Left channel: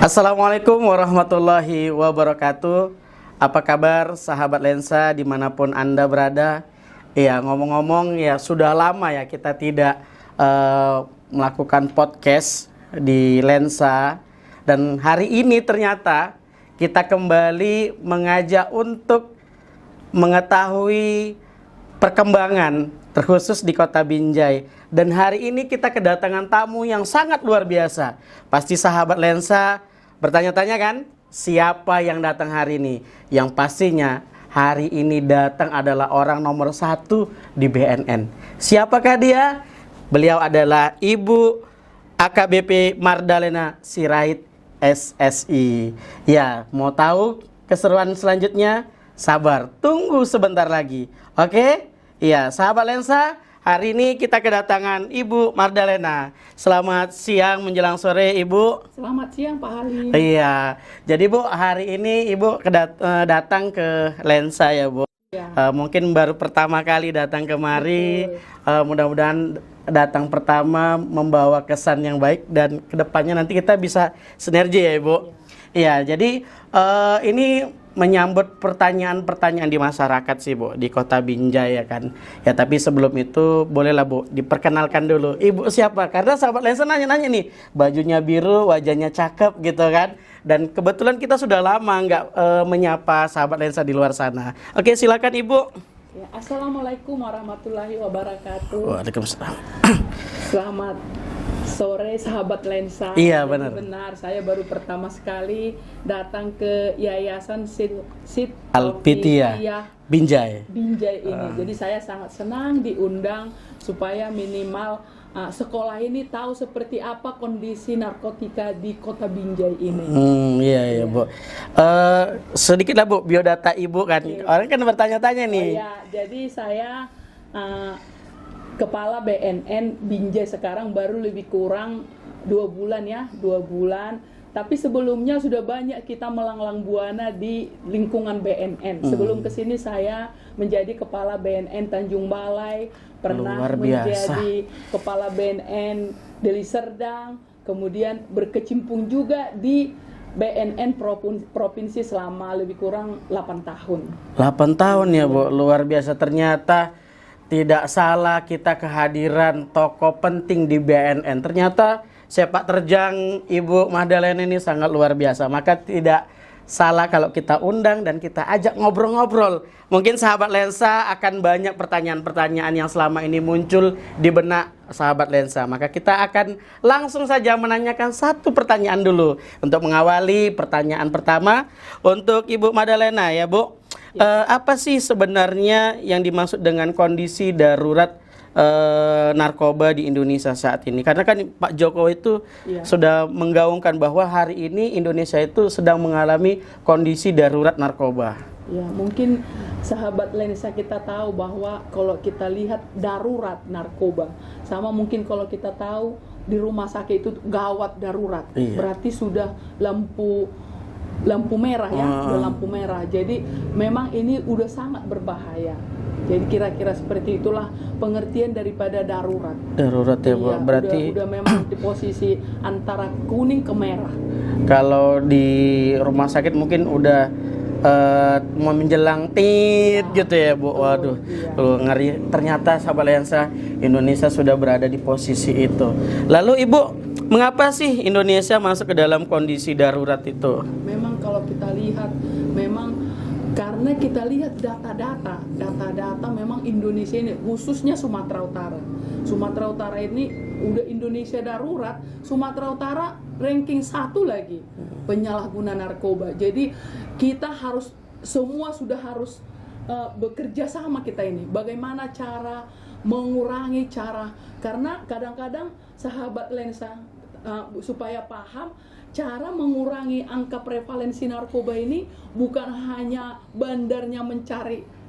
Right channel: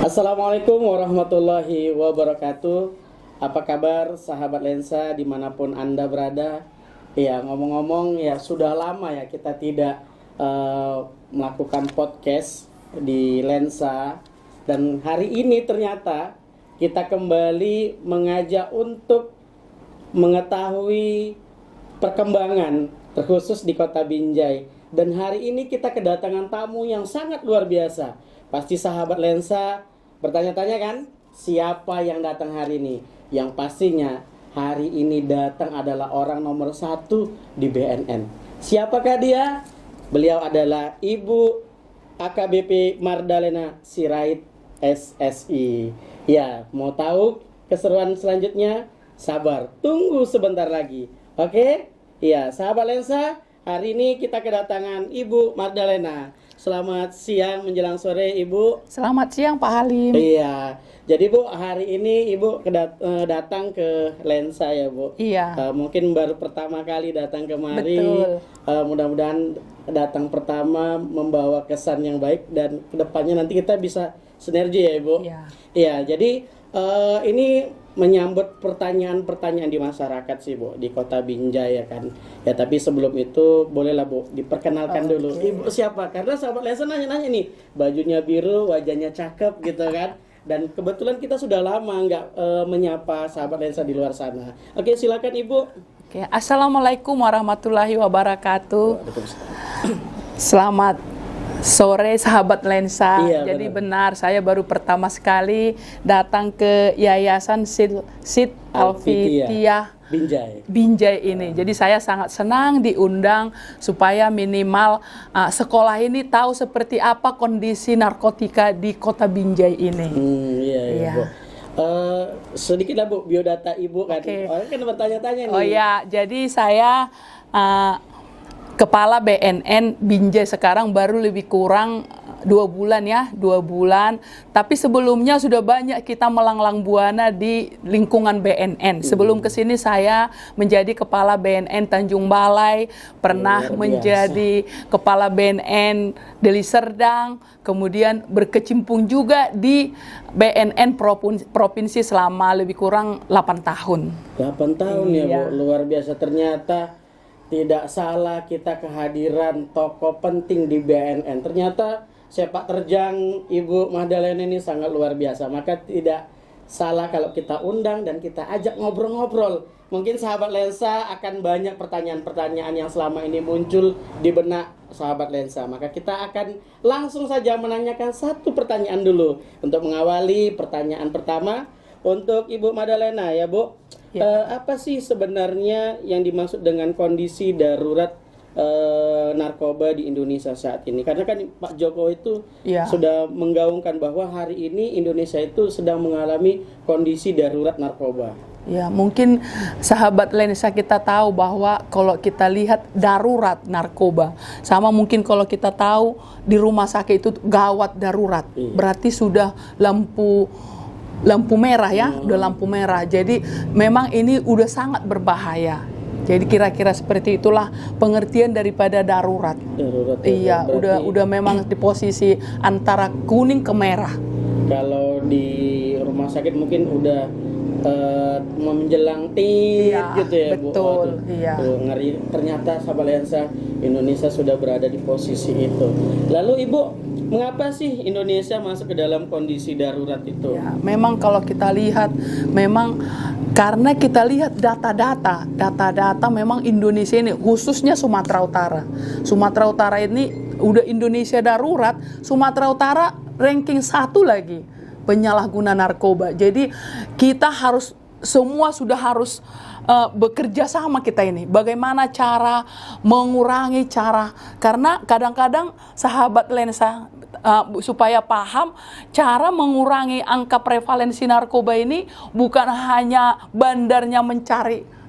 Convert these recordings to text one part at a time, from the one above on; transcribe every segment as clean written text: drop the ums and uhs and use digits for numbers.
Assalamualaikum warahmatullahi wabarakatuh. Apa kabar sahabat lensa dimanapun Anda berada? Ya, ngomong-ngomong ya sudah lama ya kita tidak melakukan podcast di lensa. Dan hari ini ternyata kita kembali mengajak untuk mengetahui perkembangan terkhusus di Kota Binjai. Dan hari ini kita kedatangan tamu yang sangat luar biasa. Pasti sahabat lensa bertanya-tanya kan, siapa yang datang hari ini? Yang pastinya hari ini datang adalah orang nomor 1 di BNN. Siapakah dia? Beliau adalah Ibu AKBP Mardalena Sirait SSI. Ya, mau tahu keseruan selanjutnya? Sabar, tunggu sebentar lagi. Oke? Iya, sahabat lensa, hari ini kita kedatangan Ibu Mardalena. Selamat siang menjelang sore, Ibu. Selamat siang, Pak Halim. Iya, jadi Bu, hari ini Ibu datang ke lensa ya, Bu. Iya. Mungkin baru pertama kali datang kemari. Mudah-mudahan datang pertama membawa kesan yang baik dan kedepannya nanti kita bisa sinergi ya, Ibu. Iya. Iya, jadi ini menyambut pertanyaan-pertanyaan di masyarakat sih, Bu, di Kota Binjai ya kan. Ya, tapi sebelum itu bolehlah Bu diperkenalkan dulu. Ibu siapa? Karena sahabat lensa nanya-nanya nih, bajunya biru, wajahnya cakep gitu kan. Dan kebetulan kita sudah lama nggak menyapa sahabat lensa di luar sana. Oke, silakan Ibu. Oke, Assalamualaikum warahmatullahi wabarakatuh. Waalaikumsalam. Selamat sore sahabat lensa. Iya, jadi benar, saya baru pertama sekali datang ke Yayasan Sid Alfitia Binjai ini. Jadi saya sangat senang diundang supaya minimal sekolah ini tahu seperti apa kondisi narkotika di Kota Binjai ini. Iya. Bu. Sedikit lah Bu, biodata Ibu kan. Orang kan bertanya-tanya nih. Oh iya, jadi saya Kepala BNN Binjai sekarang baru lebih kurang 2 bulan ya, 2 bulan. Tapi sebelumnya sudah banyak kita melanglang buana di lingkungan BNN. Sebelum kesini saya menjadi Kepala BNN Tanjung Balai, pernah menjadi Kepala BNN Deli Serdang, kemudian berkecimpung juga di BNN Provinsi selama lebih kurang 8 tahun. 8 tahun ya Bu, luar biasa. Ternyata tidak salah kita kehadiran tokoh penting di BNN. Ternyata sepak terjang Ibu Mardalena ini sangat luar biasa. Maka tidak salah kalau kita undang dan kita ajak ngobrol-ngobrol. Mungkin sahabat lensa akan banyak pertanyaan-pertanyaan yang selama ini muncul di benak sahabat lensa. Maka kita akan langsung saja menanyakan satu pertanyaan dulu. Untuk mengawali pertanyaan pertama untuk Ibu Mardalena ya Bu. Apa sih sebenarnya yang dimaksud dengan kondisi darurat narkoba di Indonesia saat ini? Karena kan Pak Jokowi itu sudah menggaungkan bahwa hari ini Indonesia itu sedang mengalami kondisi darurat narkoba. Ya, mungkin sahabat lensa kita tahu bahwa kalau kita lihat darurat narkoba, sama mungkin kalau kita tahu di rumah sakit itu gawat darurat, berarti sudah lampu merah ya, udah lampu merah. Jadi memang ini udah sangat berbahaya. Jadi kira-kira seperti itulah pengertian daripada darurat. Darurat ya, Bu. Iya, Berarti udah memang di posisi antara kuning ke merah. Kalau di rumah sakit mungkin udah mau menjelang tit gitu ya, Bu. Betul, Waduh, tuh ngeri. Ternyata sahabat lensa Indonesia sudah berada di posisi itu. Lalu Ibu, mengapa sih Indonesia masuk ke dalam kondisi darurat itu? Ya, memang kalau kita lihat, memang karena kita lihat data-data memang Indonesia ini, khususnya Sumatera Utara. Sumatera Utara ini udah Indonesia darurat, Sumatera Utara ranking 1 lagi penyalahguna narkoba. Jadi kita harus semua sudah harus bekerja sama kita ini. Bagaimana cara mengurangi karena kadang-kadang sahabat lensa supaya paham cara mengurangi angka prevalensi narkoba ini bukan hanya bandarnya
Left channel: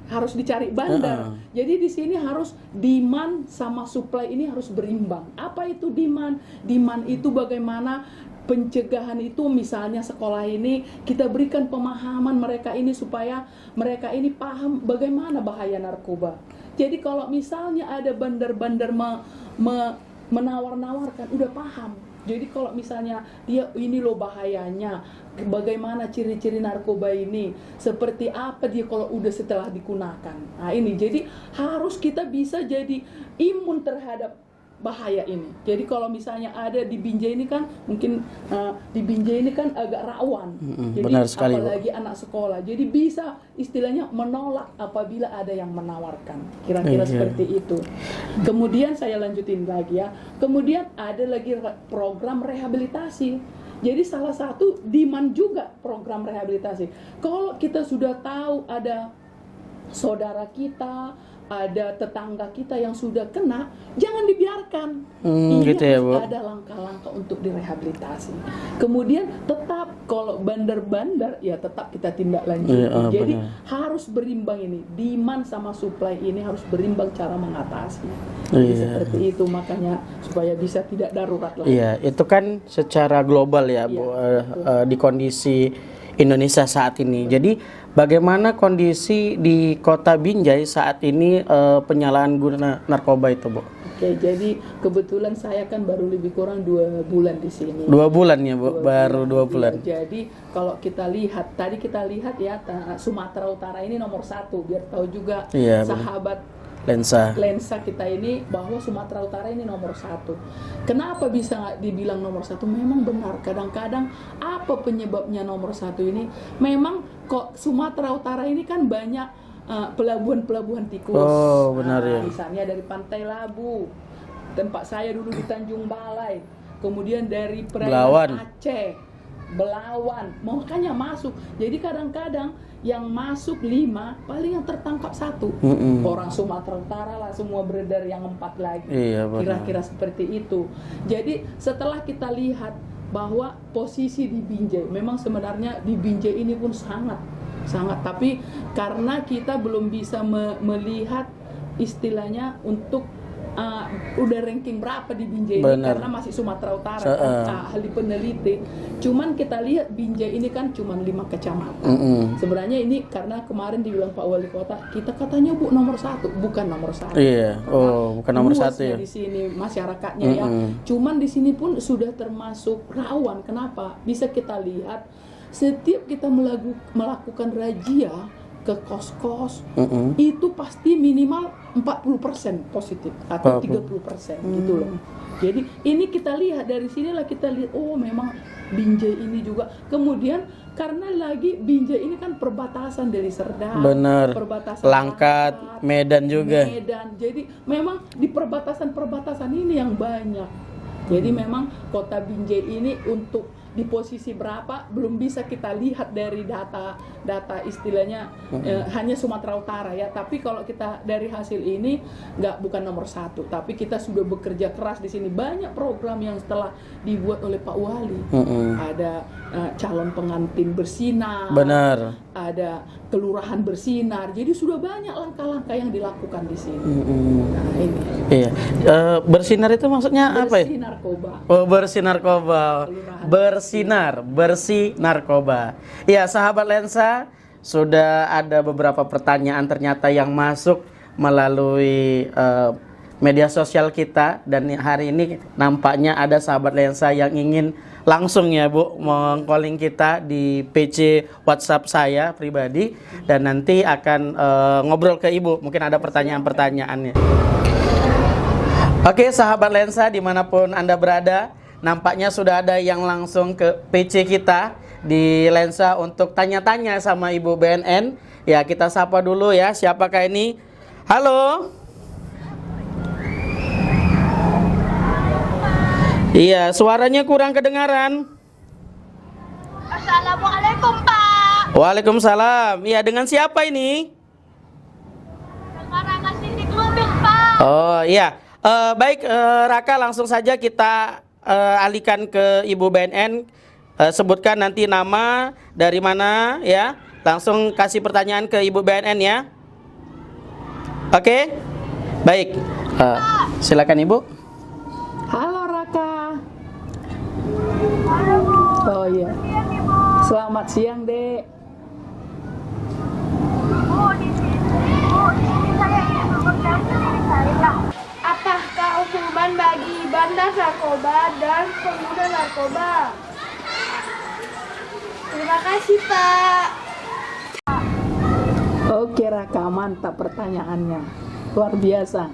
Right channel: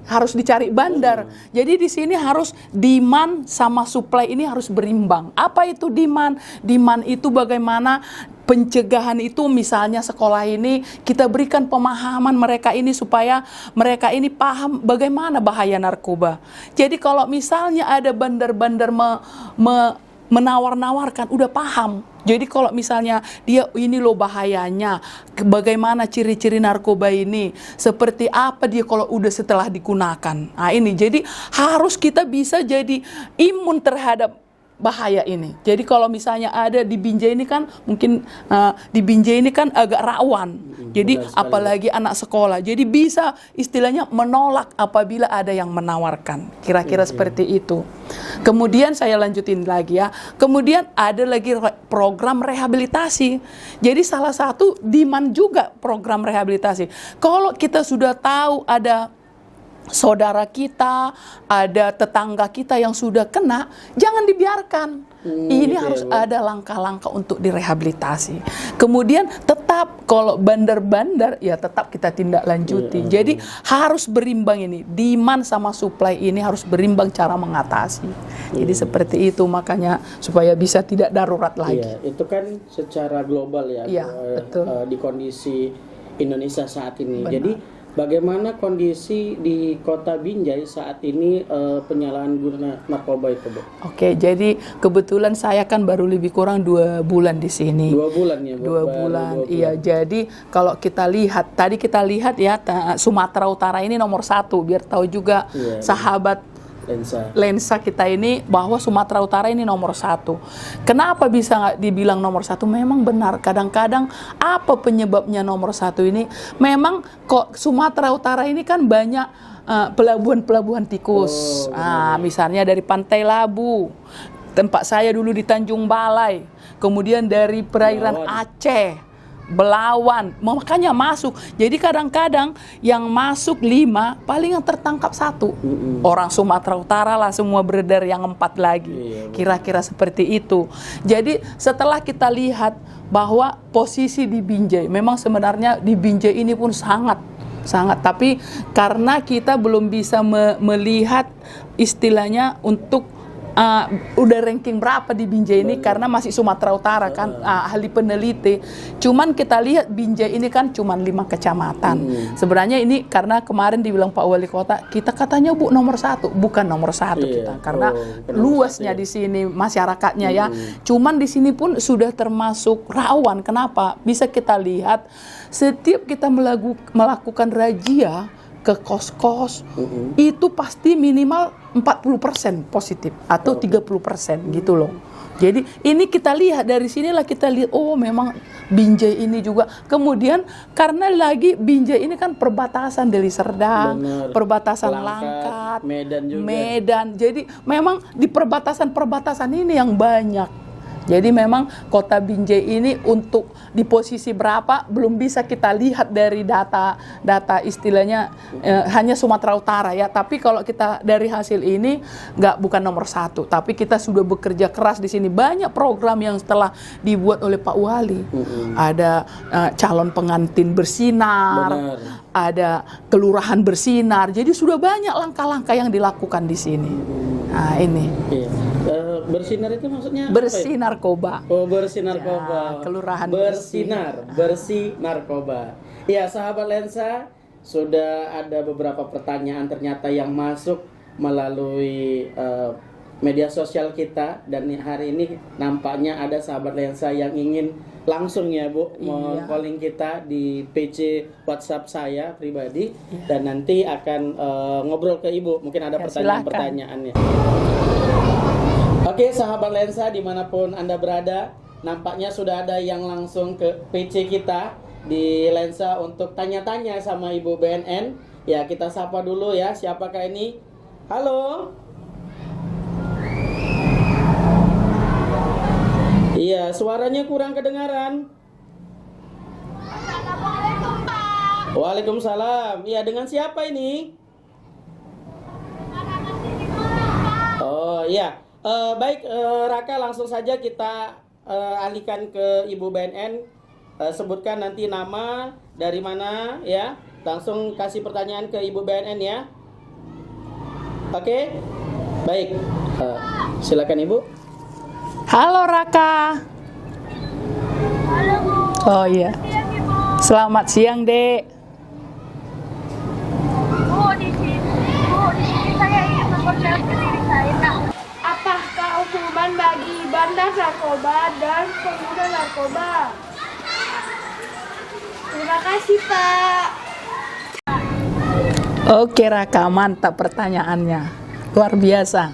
harus dicari bandar. Jadi di sini harus demand sama supply ini harus berimbang. Apa itu demand? Demand itu bagaimana pencegahan itu, misalnya sekolah ini kita berikan pemahaman mereka ini supaya mereka ini paham bagaimana bahaya narkoba. Jadi kalau misalnya ada bandar-bandar menawar-nawarkan, udah paham. Jadi kalau misalnya dia ini loh bahayanya, bagaimana ciri-ciri narkoba ini, seperti apa dia kalau udah setelah digunakan. Nah ini, jadi harus kita bisa jadi imun terhadap bahaya ini. Jadi kalau misalnya ada di Binjai ini kan mungkin di Binjai ini kan agak rawan. Jadi benar sekali, apalagi anak sekolah. Jadi bisa istilahnya menolak apabila ada yang menawarkan. Kira-kira seperti itu. Kemudian saya lanjutin lagi ya. Kemudian ada lagi program rehabilitasi. Jadi salah satu demand juga program rehabilitasi. Kalau kita sudah tahu ada saudara kita, ada tetangga kita yang sudah kena, jangan dibiarkan. Ini gitu ya, harus Bu. ada langkah-langkah untuk direhabilitasi. Kemudian tetap kalau bandar-bandar ya tetap kita tindak lanjuti. Iya, Jadi harus berimbang ini, demand sama supply ini harus berimbang cara mengatasi. Jadi seperti itu makanya supaya bisa tidak darurat lagi. Iya, itu kan secara global ya, Bu, Iya, betul. di kondisi Indonesia saat ini. Jadi bagaimana kondisi di Kota Binjai saat ini penyalahan guna narkoba itu, Bu? Oke, jadi kebetulan saya kan baru lebih kurang 2 bulan di sini. 2 bulan ya, Bu? 2 Baru 2 bulan. Iya, jadi kalau kita lihat, tadi kita lihat ya Sumatera Utara ini nomor 1, biar tahu juga Iya, sahabat lensa kita ini bahwa Sumatera Utara ini nomor 1. Kenapa bisa nggak dibilang nomor 1? Memang benar, kadang-kadang apa penyebabnya nomor 1 ini? Memang kok Sumatera Utara ini kan banyak pelabuhan-pelabuhan tikus. benar, ya. Misalnya dari Pantai Labu, tempat saya dulu di Tanjung Balai, kemudian dari perairan Belawan. Aceh, Belawan, makanya masuk. Jadi kadang-kadang yang masuk 5, paling yang tertangkap 1. Orang Sumatera Utara lah semua beredar yang 4 lagi. Iya, betul. Kira-kira seperti itu. Jadi setelah kita lihat bahwa posisi di Binjai, memang sebenarnya di Binjai ini pun sangat, tapi karena kita belum bisa melihat istilahnya untuk udah ranking berapa di Binjai ini, karena masih Sumatera Utara kan ahli peneliti. Cuman kita lihat Binjai ini kan cuman 5 kecamatan. Sebenarnya ini karena kemarin dibilang Pak Wali Kota, kita katanya Bu nomor 1, bukan nomor 1 Iya. kita, karena bukan nomor luasnya 1 ya. di sini masyarakatnya ya. Cuman di sini pun sudah termasuk rawan. Kenapa? Bisa kita lihat setiap kita melakukan razia ke kos-kos, itu pasti minimal 40% positif atau 30% gitu loh. Jadi ini kita lihat dari sinilah kita lihat, oh memang Binjai ini juga. Kemudian karena lagi Binjai ini kan perbatasan Deli Serdang, Benar. perbatasan Langkat, Medan juga. Medan. Jadi memang di perbatasan-perbatasan ini yang banyak. Jadi memang kota Binjai ini untuk di posisi berapa belum bisa kita lihat dari data istilahnya hanya Sumatera Utara ya. Tapi kalau kita dari hasil ini bukan nomor 1, tapi kita sudah bekerja keras di sini. Banyak program yang setelah dibuat oleh Pak Wali. Ada calon pengantin bersinar, Benar. ada kelurahan bersinar. Jadi sudah banyak langkah-langkah yang dilakukan di sini. Nah ini. Iya. Bersinar itu maksudnya apa ya? Bersih narkoba. Oh, bersih narkoba. Kelurahan bersih narkoba. Ya, sahabat lensa, sudah ada beberapa pertanyaan ternyata yang masuk melalui media sosial kita, dan hari ini nampaknya ada sahabat lensa yang ingin langsung ya Bu meng-calling kita di PC WhatsApp saya pribadi, dan nanti akan ngobrol ke Ibu, mungkin ada pertanyaan-pertanyaannya. Oke, sahabat lensa dimanapun Anda berada, nampaknya sudah ada yang langsung ke PC kita di lensa untuk tanya-tanya sama Ibu BNN. Ya, kita sapa dulu ya, siapakah ini? Halo. Iya, suaranya kurang kedengaran. Assalamualaikum, Pak. Waalaikumsalam. Iya, dengan siapa ini? Dengan Siti Kudus, Pak. Oh iya. Baik, Raka, langsung saja kita alihkan ke Ibu BNN. Sebutkan nanti nama, dari mana ya. Langsung kasih pertanyaan ke Ibu BNN ya. Oke? Baik. Silakan Ibu. Halo Raka. Oh iya. Selamat siang, Dek. Bu, di sini saya ingin memperkenalkan diri saya. Apakah hukuman bagi bandar narkoba dan pengguna narkoba. Terima kasih, Pak. Oke Raka, mantap pertanyaannya. Luar biasa.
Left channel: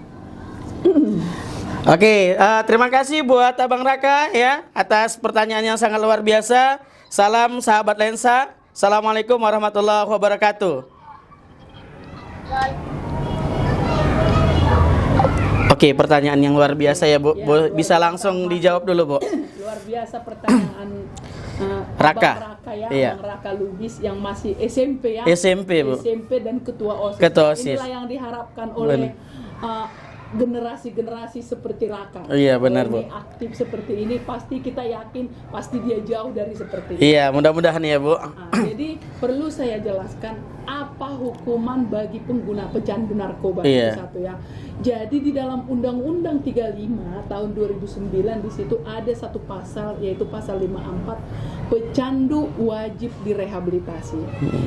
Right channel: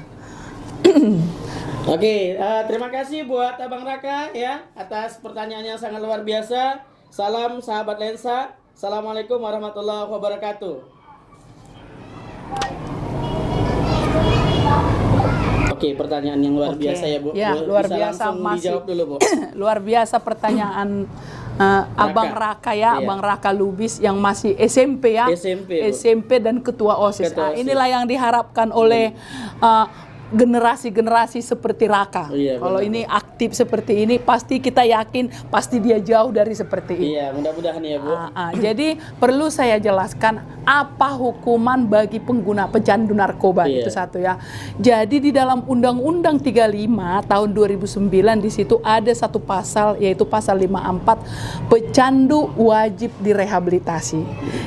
Oke, terima kasih buat Abang Raka ya atas pertanyaan yang sangat luar biasa. Salam sahabat lensa. Assalamualaikum warahmatullahi wabarakatuh. Oke, pertanyaan yang luar biasa ya Bu. Ya, luar Bisa biasa, langsung masih dijawab dulu Bu. luar biasa pertanyaan Abang Raka ya, Iya. Abang Raka Lubis yang masih SMP ya. SMP, Bu. SMP dan ketua OSIS. Ketua Nah, OSIS. inilah yang diharapkan oleh generasi-generasi seperti Raka. Iya, Kalau benar, ini Bu. aktif seperti ini, pasti kita yakin pasti dia jauh dari seperti ini. Iya, mudah-mudahan ya Bu. Jadi perlu saya jelaskan apa hukuman bagi pengguna pecandu narkoba. Iya. Itu satu ya. Jadi di dalam Undang-Undang 35 tahun 2009 di situ ada satu pasal yaitu pasal 54 pecandu wajib direhabilitasi.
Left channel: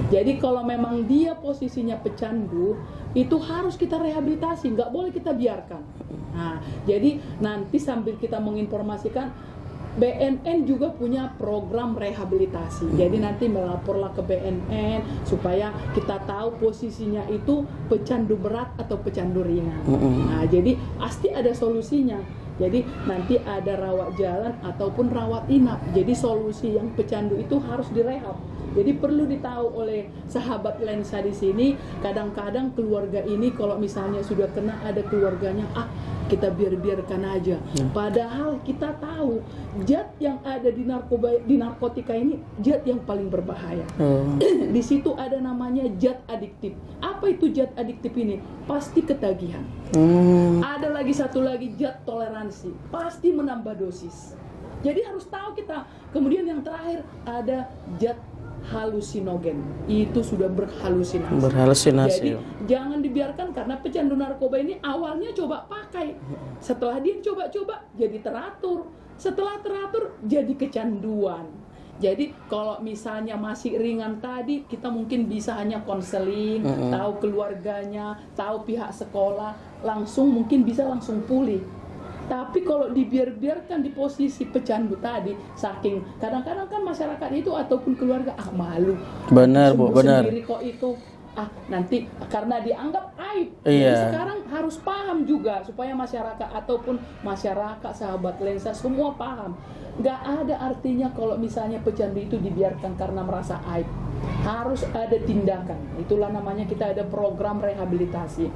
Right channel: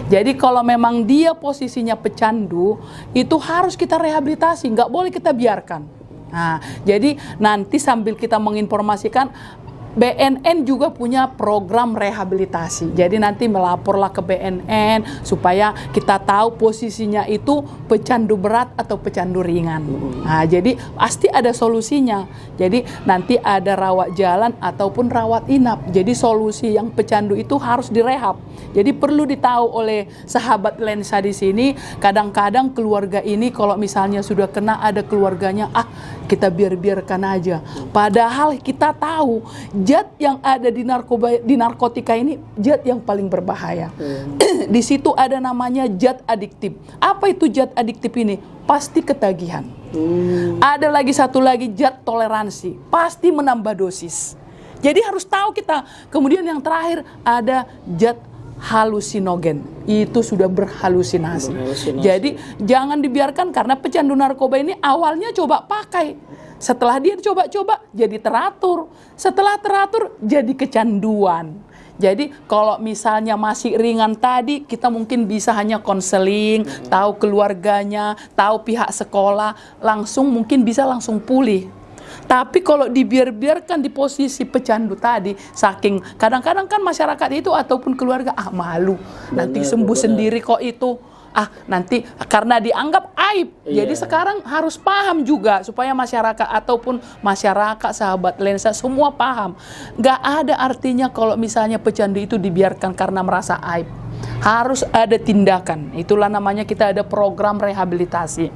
Jadi kalau memang dia posisinya pecandu itu harus kita rehabilitasi, nggak boleh kita biarkan. Nah, jadi nanti sambil kita menginformasikan BNN juga punya program rehabilitasi. Jadi nanti melaporlah ke BNN supaya kita tahu posisinya itu pecandu berat atau pecandu ringan. Nah, jadi pasti ada solusinya. Jadi nanti ada rawat jalan ataupun rawat inap. Jadi solusi yang pecandu itu harus direhab. Jadi perlu ditahu oleh sahabat lensa di sini. Kadang-kadang keluarga ini kalau misalnya sudah kena ada keluarganya, kita biarkan aja. Padahal kita tahu zat yang ada di narkotika ini zat yang paling berbahaya. Di situ ada namanya zat adiktif. Apa itu zat adiktif ini? Pasti ketagihan. Ada lagi satu lagi zat toleransi. Pasti menambah dosis. Jadi harus tahu kita. Kemudian yang terakhir ada zat halusinogen, itu sudah berhalusinasi. Jadi jangan dibiarkan, karena pecandu narkoba ini awalnya coba pakai, setelah dia coba-coba jadi teratur, setelah teratur jadi kecanduan. Jadi kalau misalnya masih ringan tadi, kita mungkin bisa hanya konseling, tahu keluarganya, tahu pihak sekolah, mungkin bisa langsung pulih. Tapi kalau dibiarkan di posisi pecandu tadi, saking kadang-kadang kan masyarakat itu ataupun keluarga malu, nanti sembuh sendiri kok itu, nanti karena dianggap aib. Jadi sekarang harus paham juga supaya masyarakat ataupun masyarakat sahabat lensa semua paham. Nggak ada artinya kalau misalnya pecandu itu dibiarkan karena merasa aib. Harus ada tindakan. Itulah namanya kita ada program rehabilitasi.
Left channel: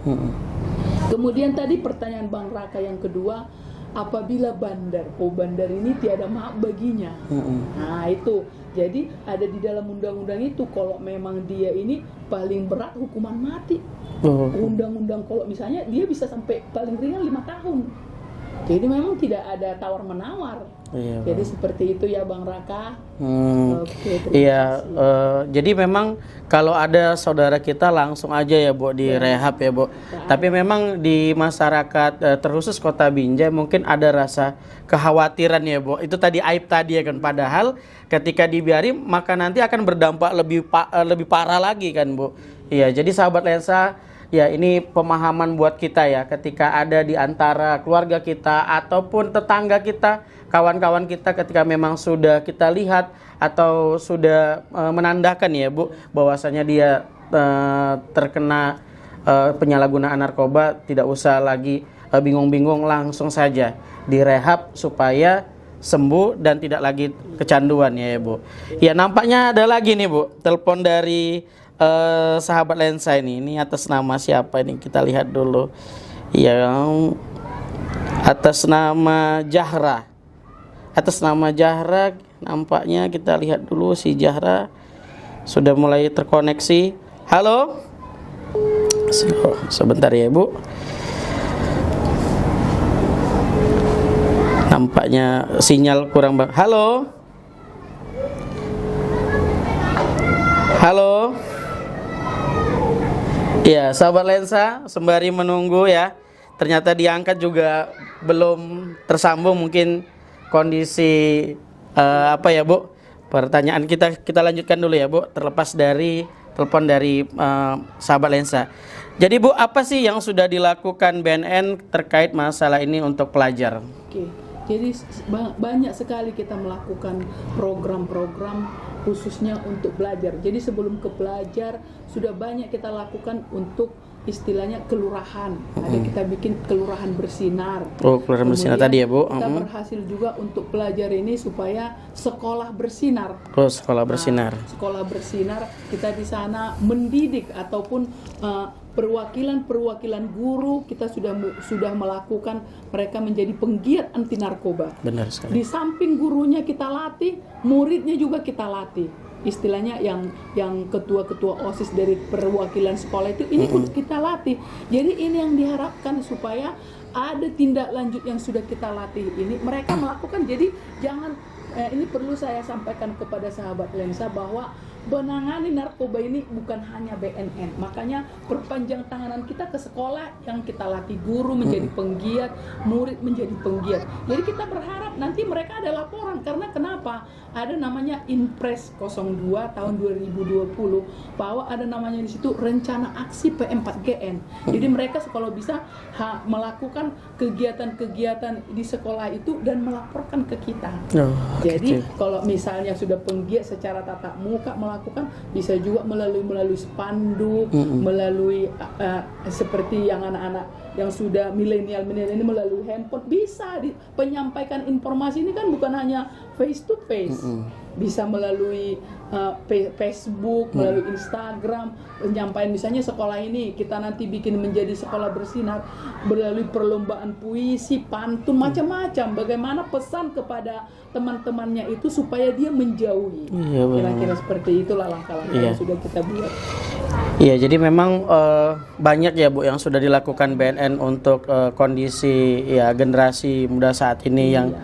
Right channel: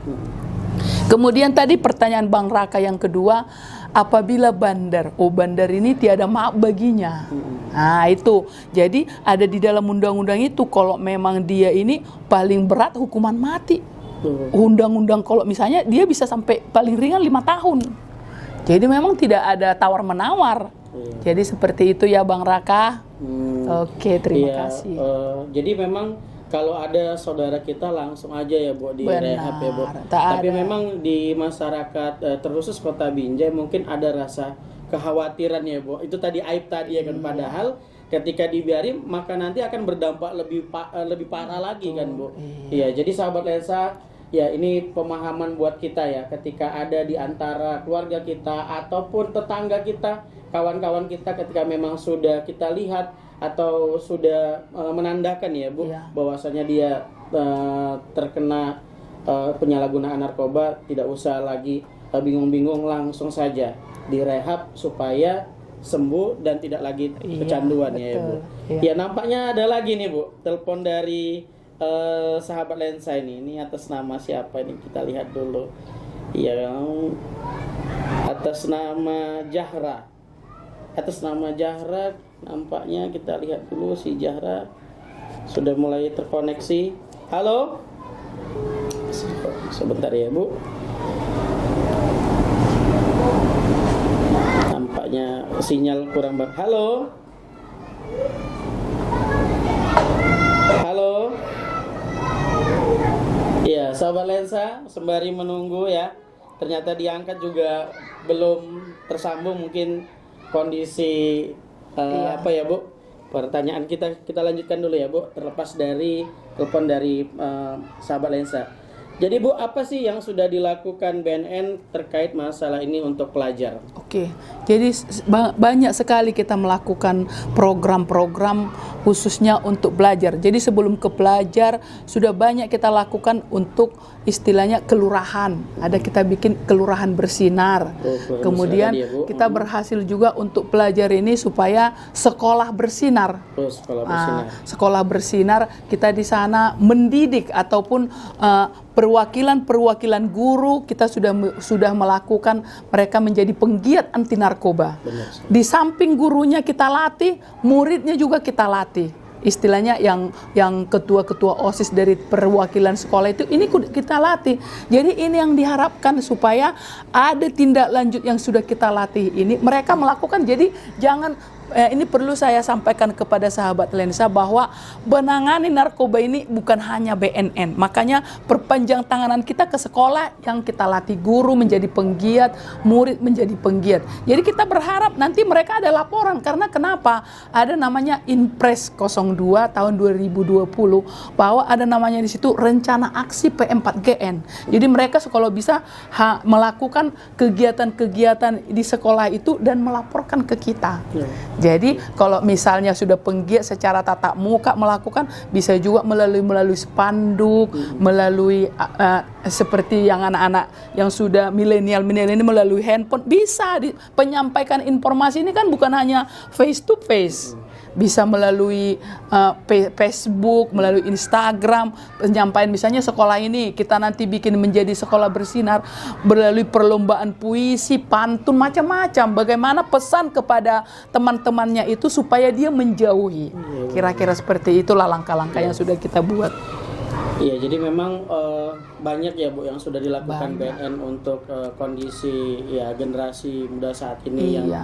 Kemudian tadi pertanyaan Bang Raka yang kedua, apabila bandar, bandar ini tiada maaf baginya. Nah itu, jadi ada di dalam undang-undang itu kalau memang dia ini paling berat hukuman mati. Undang-undang kalau misalnya dia bisa sampai paling ringan 5 tahun. Jadi memang tidak ada tawar-menawar. Jadi seperti itu ya Bang Raka. Oke, terima kasih. Jadi memang kalau ada saudara kita langsung aja ya Bu direhab ya Bu. Tapi memang di masyarakat terkhusus Kota Binjai mungkin ada rasa kekhawatiran ya Bu. Itu tadi aib tadi ya kan. Padahal ketika dibiarin maka nanti akan berdampak lebih parah lagi kan Bu. Iya, jadi sahabat lensa, ya ini pemahaman buat kita ya, ketika ada di antara keluarga kita ataupun tetangga kita, kawan-kawan kita, ketika memang sudah kita lihat atau sudah menandakan ya Bu, bahwasanya dia terkena penyalahgunaan narkoba, tidak usah lagi bingung-bingung, langsung saja direhab supaya sembuh dan tidak lagi kecanduan ya Bu. Ya nampaknya ada lagi nih Bu, telepon dari sahabat lensa ini atas nama siapa ini, kita lihat dulu. Yang atas nama Jahra. Atas nama Jahra nampaknya, kita lihat dulu si Jahra sudah mulai terkoneksi. Halo. Sebentar ya Bu. Nampaknya sinyal kurang. Halo. Halo. Ya, sahabat lensa, sembari menunggu ya. Ternyata diangkat juga belum tersambung, mungkin kondisi apa ya Bu? Pertanyaan kita lanjutkan dulu ya Bu, terlepas dari telepon dari sahabat lensa. Jadi Bu, apa sih yang sudah dilakukan BNN terkait masalah ini untuk pelajar? Oke, jadi banyak sekali kita melakukan program-program khususnya untuk belajar. Jadi sebelum ke pelajar sudah banyak kita lakukan untuk istilahnya kelurahan. Ada kita bikin kelurahan bersinar. Oh, kelurahan bersinar Kemudian tadi ya, Bu. kita berhasil juga untuk pelajar ini supaya sekolah bersinar. Oh, sekolah bersinar. Sekolah bersinar, kita di sana mendidik ataupun perwakilan guru kita sudah melakukan mereka menjadi penggiat anti narkoba. Benar sekali. Di samping gurunya kita latih, muridnya juga kita latih. Istilahnya yang ketua-ketua OSIS dari perwakilan sekolah itu ini kita latih. Jadi ini yang diharapkan supaya ada tindak lanjut yang sudah kita latih ini mereka melakukan. Jadi jangan ini perlu saya sampaikan kepada sahabat lensa bahwa menangani narkoba ini bukan hanya BNN. Makanya perpanjang tanganan kita ke sekolah yang kita latih guru menjadi penggiat, murid menjadi penggiat. Jadi kita berharap nanti mereka ada laporan karena kenapa? Ada namanya Inpres 02 tahun 2020 bahwa ada namanya di situ rencana aksi P4GN. Jadi mereka kalau bisa melakukan kegiatan-kegiatan di sekolah itu dan melaporkan ke kita. Jadi kalau misalnya sudah penggiat secara tatap muka melakukan, bisa juga melalui spanduk, melalui seperti yang anak-anak yang sudah milenial ini melalui handphone bisa penyampaikan informasi ini kan bukan hanya face to face. Bisa melalui Facebook, melalui Instagram, penyampaian misalnya sekolah ini kita nanti bikin menjadi sekolah bersinar melalui perlombaan puisi, pantun, macam-macam. Bagaimana pesan kepada teman-temannya itu supaya dia menjauhi. Kira-kira seperti itulah langkah-langkah yang sudah kita buat. Iya, jadi memang banyak ya Bu yang sudah dilakukan BNN untuk kondisi ya generasi muda saat ini yang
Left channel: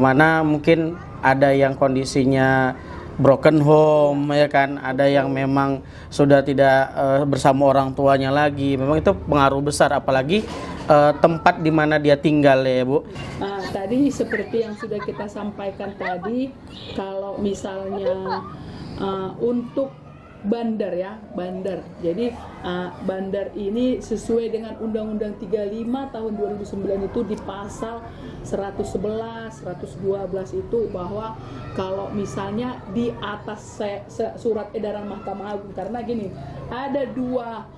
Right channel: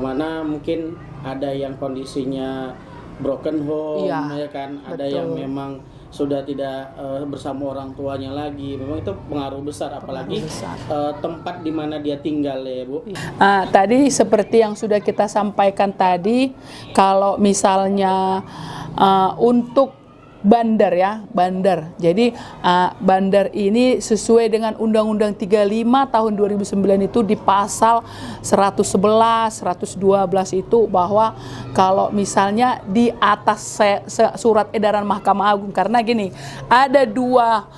mana mungkin ada yang kondisinya broken home ya kan, ada yang memang sudah tidak bersama orang tuanya lagi. Memang itu pengaruh besar apalagi tempat di mana dia tinggal ya Bu. Tadi seperti yang sudah kita sampaikan tadi, kalau misalnya untuk bandar ya, bandar. Jadi bandar ini sesuai dengan Undang-Undang 35 tahun 2009 itu di pasal 111, 112 itu bahwa kalau misalnya di atas surat edaran Mahkamah Agung, karena gini, ada dua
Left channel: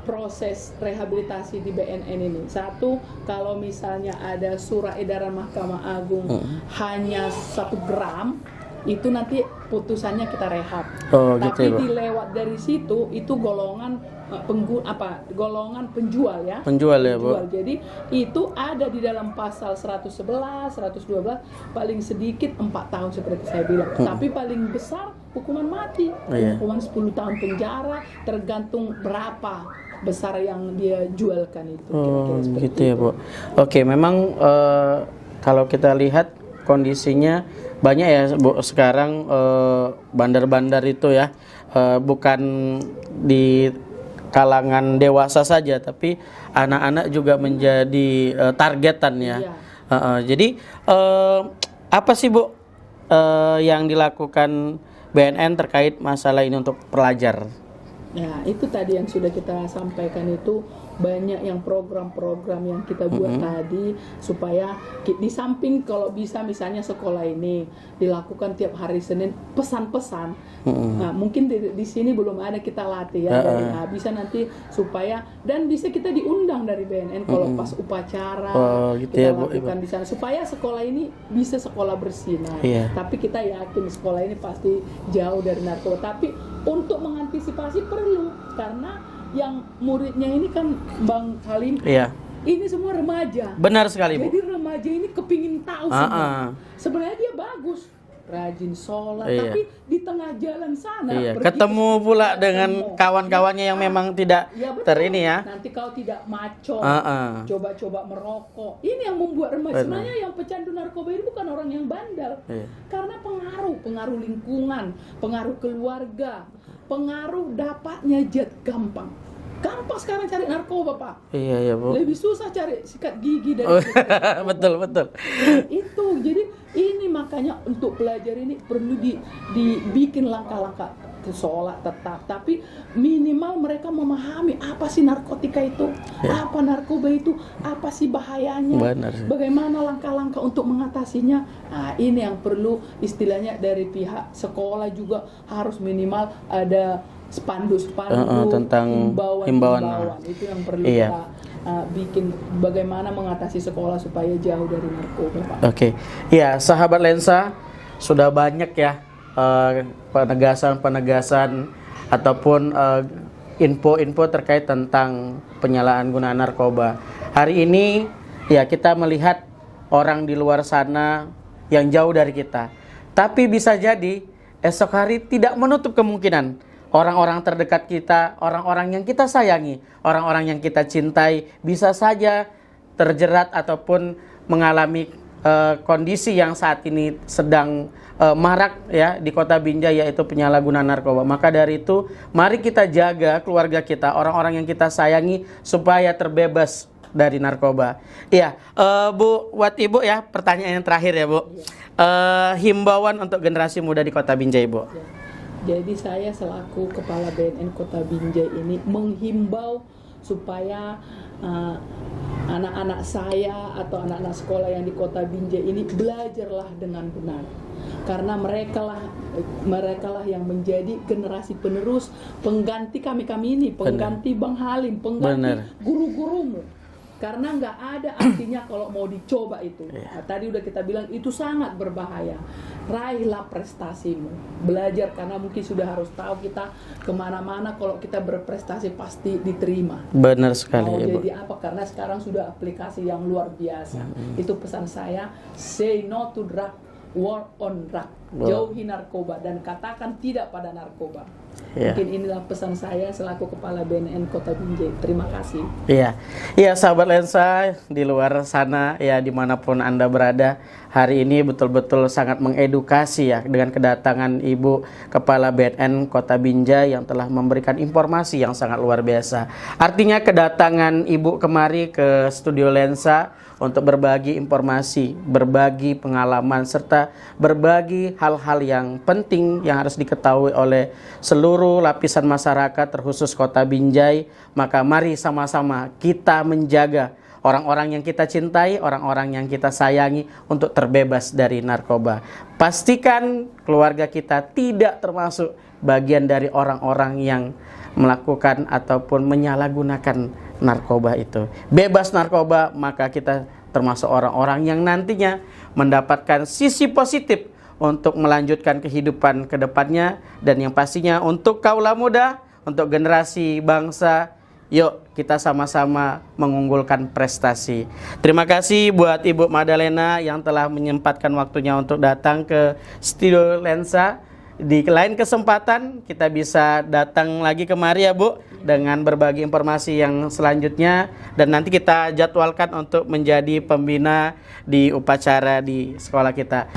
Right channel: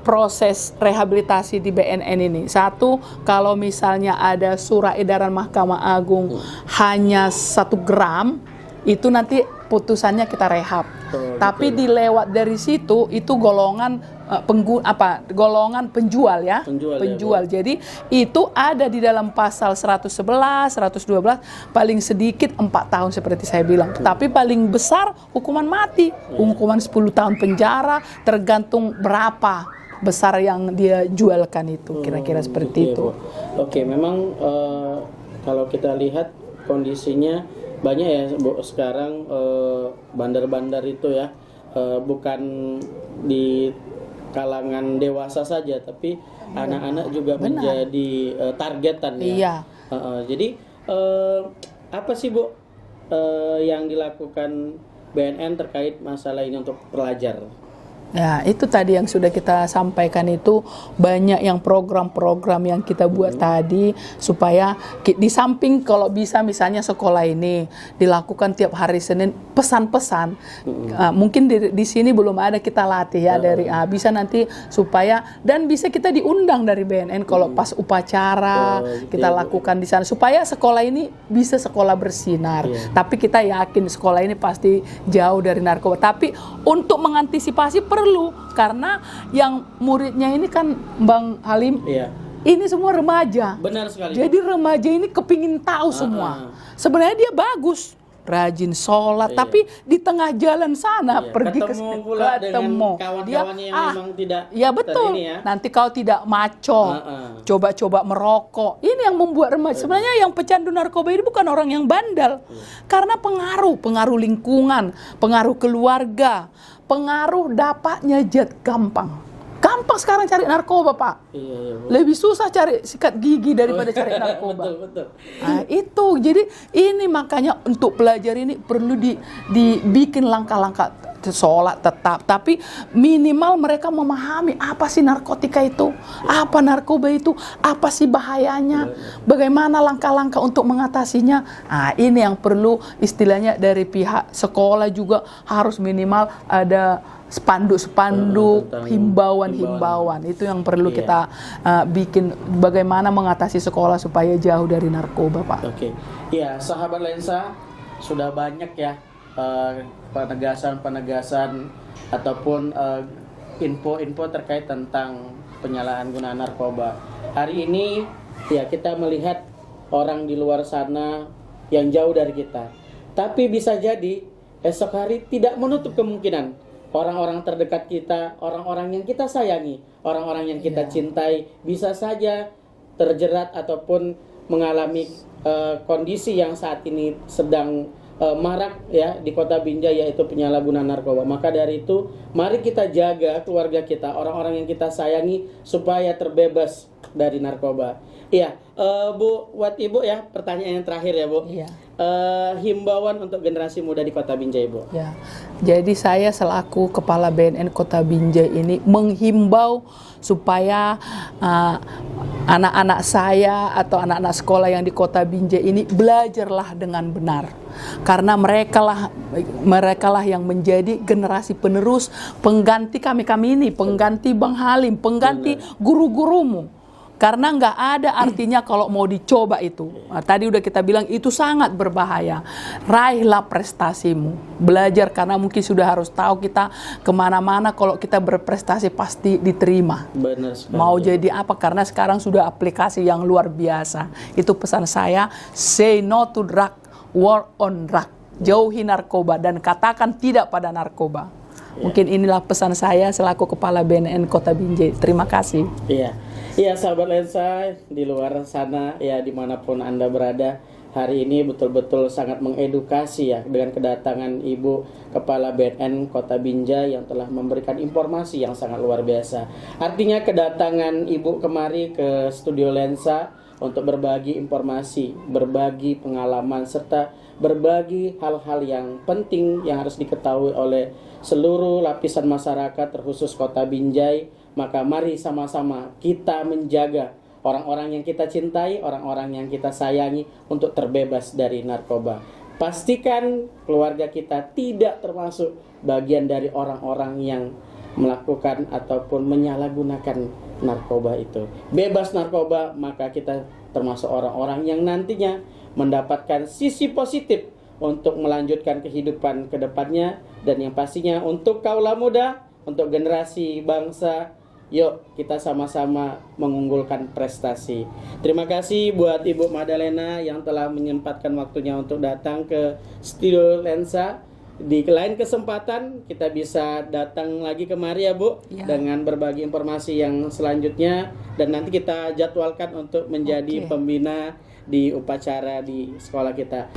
proses rehabilitasi di BNN ini. Satu, kalau misalnya ada surat edaran Mahkamah Agung hanya 1 gram, itu nanti putusannya kita rehab. Tapi gitu, dilewat dari situ itu golongan golongan penjual ya. Penjual. Ya, jadi itu ada di dalam pasal 111, 112 paling sedikit 4 tahun seperti saya bilang. Tapi paling besar hukuman mati. Hukuman 10 tahun penjara tergantung berapa besar yang dia jualkan itu. Kira-kira seperti itu. Ya, Oke, memang kalau kita lihat kondisinya banyak ya Bu sekarang bandar-bandar itu ya bukan di kalangan dewasa saja tapi anak-anak juga menjadi targetan ya. Jadi apa sih Bu yang dilakukan BNN terkait masalah ini untuk pelajar? Ya, itu tadi yang sudah kita sampaikan itu banyak yang program-program yang kita buat tadi supaya di samping kalau bisa misalnya sekolah ini dilakukan tiap hari Senin pesan-pesan. Mungkin di sini belum ada kita latih ya dari bisa nanti supaya dan bisa kita diundang dari BNN kalau pas upacara gitu kita lakukan di sana supaya sekolah ini bisa sekolah bersinar. Tapi kita yakin sekolah ini pasti jauh dari narkoba. Tapi untuk mengantisipasi perlu karena yang muridnya ini kan Bang Halim ini semua remaja. Benar sekali. Jadi remaja ini kepingin tahu semua. Sebenarnya dia bagus, rajin sholat, tapi di tengah jalan sana ketemu pula dengan kawan-kawannya yang memang tidak betul. Nanti kalau tidak maco, coba-coba merokok. Ini yang membuat remaja. Sebenarnya yang pecandu narkoba ini bukan orang yang bandel, karena pengaruh lingkungan, pengaruh keluarga, pengaruh dapatnya jet gampang sekarang cari narkoba Pak. Iya Bu. Lebih susah cari sikat gigi daripada cari narkoba. Betul. Nah, itu jadi ini makanya untuk pelajar ini perlu dibikin langkah-langkah sholat tetap, tapi minimal mereka memahami apa sih narkotika itu, apa narkoba itu, apa sih bahayanya, bagaimana langkah-langkah untuk mengatasinya. Nah, ini yang perlu istilahnya dari pihak sekolah juga harus minimal ada spanduk-spanduk, tentang himbauan itu yang perlu kita bikin, bagaimana mengatasi sekolah supaya jauh dari narkoba, Pak. Oke, ya sahabat lensa, sudah banyak ya penegasan ataupun info-info terkait tentang penyalahgunaan narkoba. Hari ini ya kita melihat orang di luar sana yang jauh dari kita, tapi bisa jadi esok hari tidak menutup kemungkinan orang-orang terdekat kita, orang-orang yang kita sayangi, orang-orang yang kita cintai bisa saja terjerat ataupun mengalami kondisi yang saat ini sedang marak ya di Kota Binjai, yaitu penyalahgunaan narkoba. Maka dari itu mari kita jaga keluarga kita, orang-orang yang kita sayangi supaya terbebas dari narkoba. Iya, Bu, buat Ibu ya, pertanyaan yang terakhir ya, Bu. Iya. Himbauan untuk generasi muda di Kota Binjai, Bu. Ya. Jadi saya selaku Kepala BNN Kota Binjai ini menghimbau supaya anak-anak saya atau anak-anak sekolah yang di Kota Binjai ini belajarlah dengan benar. Karena mereka lah yang menjadi generasi penerus, pengganti kami ini, pengganti Bang Halim, pengganti guru-gurumu. Karena nggak ada artinya kalau mau dicoba itu. Nah, tadi udah kita bilang itu sangat berbahaya. Raihlah prestasimu. Belajar, karena mungkin sudah harus tahu kita kemana-mana kalau kita berprestasi pasti diterima. Benar sekali. Mau ya, jadi apa? Karena sekarang sudah aplikasi yang luar biasa. Itu pesan saya, say no to drug, war on drug. Jauhi narkoba dan katakan tidak pada narkoba. Mungkin inilah pesan saya selaku Kepala BNN Kota Binjai. Terima kasih. Iya, iya sahabat lensa di luar sana ya, dimanapun Anda berada, hari ini betul-betul sangat mengedukasi ya dengan kedatangan Ibu Kepala BNN Kota Binjai yang telah memberikan informasi yang sangat luar biasa. Artinya kedatangan Ibu kemari ke studio lensa untuk berbagi informasi, berbagi pengalaman, serta berbagi hal-hal yang penting yang harus diketahui oleh seluruh lapisan masyarakat, terkhusus Kota Binjai. Maka mari sama-sama kita menjaga orang-orang yang kita cintai, orang-orang yang kita sayangi untuk terbebas dari narkoba. Pastikan keluarga kita tidak termasuk bagian dari orang-orang yang melakukan ataupun menyalahgunakan narkoba itu. Bebas narkoba, maka kita termasuk orang-orang yang nantinya mendapatkan sisi positif untuk melanjutkan kehidupan ke depannya. Dan yang pastinya untuk kaula muda, untuk generasi bangsa, yuk kita sama-sama mengunggulkan prestasi. Terima kasih buat Ibu Madalena yang telah menyempatkan waktunya untuk datang ke studio lensa. Di lain kesempatan kita bisa datang lagi kemari ya, Bu, dengan berbagi informasi yang selanjutnya, dan nanti kita jadwalkan untuk menjadi pembina di upacara di sekolah kita.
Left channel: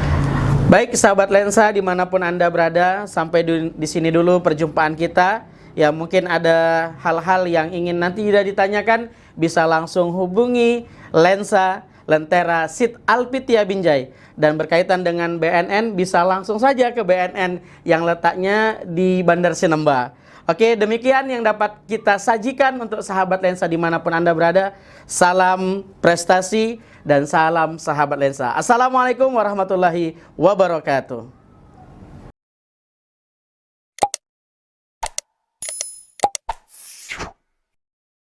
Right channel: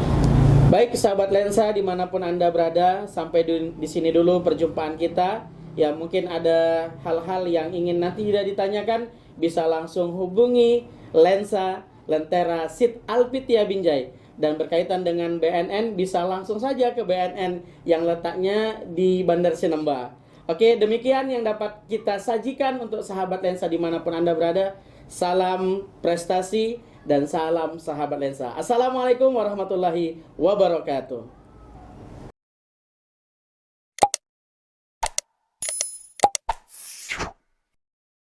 Baik sahabat lensa dimanapun Anda berada, sampai di sini dulu perjumpaan kita. Ya, mungkin ada hal-hal yang ingin nanti tidak ditanyakan, bisa langsung hubungi Lensa Lentera Sid Alpitia Binjai. Dan berkaitan dengan BNN, bisa langsung saja ke BNN yang letaknya di Bandar Sinemba. Oke, demikian yang dapat kita sajikan untuk sahabat lensa dimanapun Anda berada. Salam prestasi dan salam sahabat lensa. Assalamualaikum warahmatullahi wabarakatuh.